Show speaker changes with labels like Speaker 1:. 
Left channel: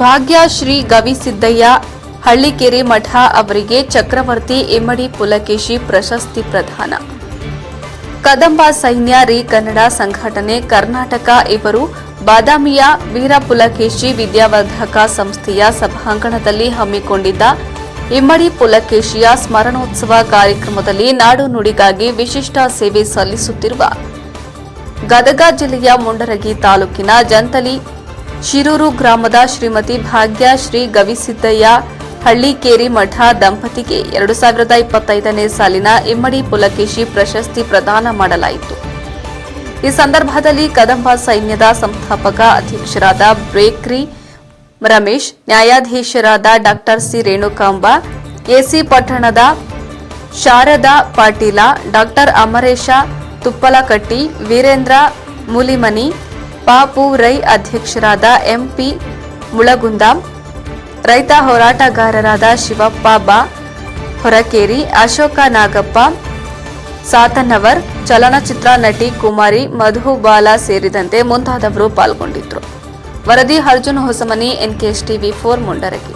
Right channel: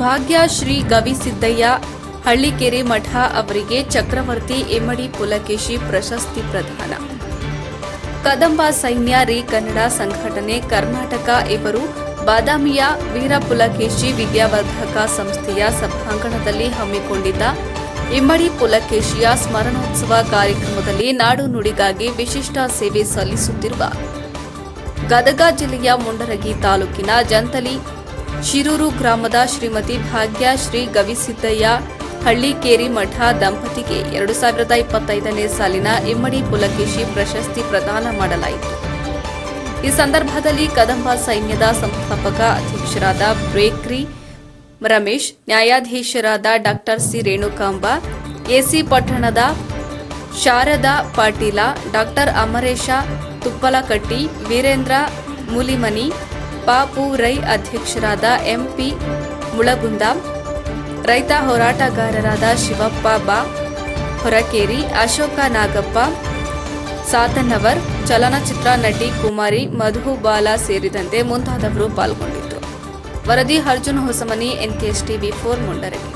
Speaker 1: ಭಾಗ್ಯ ಶ್ರೀ ಗವಿಸಿದ್ದಯ್ಯ ಹಳ್ಳಿಕೆರೆ ಮಠ ಅವರಿಗೆ ಚಕ್ರವರ್ತಿ ಇಮ್ಮಡಿ ಪುಲಕೇಶಿ ಪ್ರಶಸ್ತಿ ಪ್ರದಾನ. ಕದಂಬ ಸೈನ್ಯ ರೀ ಕನ್ನಡ ಸಂಘಟನೆ ಕರ್ನಾಟಕ ಇವರು ಬಾದಾಮಿಯ ವೀರಪುಲಕೇಶಿ ವಿದ್ಯಾವರ್ಧಕ ಸಂಸ್ಥೆಯ ಸಭಾಂಗಣದಲ್ಲಿ ಹಮ್ಮಿಕೊಂಡಿದ್ದ ಇಮ್ಮಡಿ ಪುಲಕೇಶಿಯ ಸ್ಮರಣೋತ್ಸವ ಕಾರ್ಯಕ್ರಮದಲ್ಲಿ ನಾಡು ನುಡಿಗಾಗಿ ವಿಶಿಷ್ಟ ಸೇವೆ ಸಲ್ಲಿಸುತ್ತಿರುವ ಗದಗ ಜಿಲ್ಲೆಯ ಮುಂಡರಗಿ ತಾಲೂಕಿನ ಜಂತಲಿ ಶಿರೂರು ಗ್ರಾಮದ ಶ್ರೀಮತಿ ಭಾಗ್ಯ ಶ್ರೀ ಗವಿಸಿದ್ದಯ್ಯ ಹಳ್ಳಿಕೇರಿ ಮಠ ದಂಪತಿಗೆ ಎರಡು ಸಾವಿರದ ಇಪ್ಪತ್ತೈದನೇ ಸಾಲಿನ ಇಮ್ಮಡಿ ಪುಲಕೇಶಿ ಪ್ರಶಸ್ತಿ ಪ್ರದಾನ ಮಾಡಲಾಯಿತು. ಈ ಸಂದರ್ಭದಲ್ಲಿ ಕದಂಬ ಸೈನ್ಯದ ಸಂಸ್ಥಾಪಕ ಅಧ್ಯಕ್ಷರಾದ ಬ್ರೇಕ್ರಿ ರಮೇಶ್, ನ್ಯಾಯಾಧೀಶರಾದ ಡಾಕ್ಟರ್ ಸಿ ರೇಣುಕಾಂಬ ಎಸಿ ಪಟ್ಟಣದ ಶಾರದಾ ಪಾಟೀಲ, ಡಾಕ್ಟರ್ ಅಮರೇಶ ತುಪ್ಪಲಕಟ್ಟಿ, ವೀರೇಂದ್ರ ಮೂಲಿಮನಿ ಪಾಪು ರೈ ಅಧ್ಯಕ್ಷರಾದ ಎಂಪಿ ಮುಳಗುಂದ, ರೈತ ಹೋರಾಟಗಾರರಾದ ಶಿವಪ್ಪ ಬಾ, ಹೊರಕೇರಿ, ಅಶೋಕ ನಾಗಪ್ಪ ಸಾತನ್ನವರ್ ಚಲನಚಿತ್ರ ನಟಿ ಕುಮಾರಿ, ಮಧು ಬಾಲ ಸೇರಿದಂತೆ ಮುಂತಾದವರು ಪಾಲ್ಗೊಂಡಿದ್ದರು. ವರದಿ Arjun Hosamani, NKS TV four Mundargi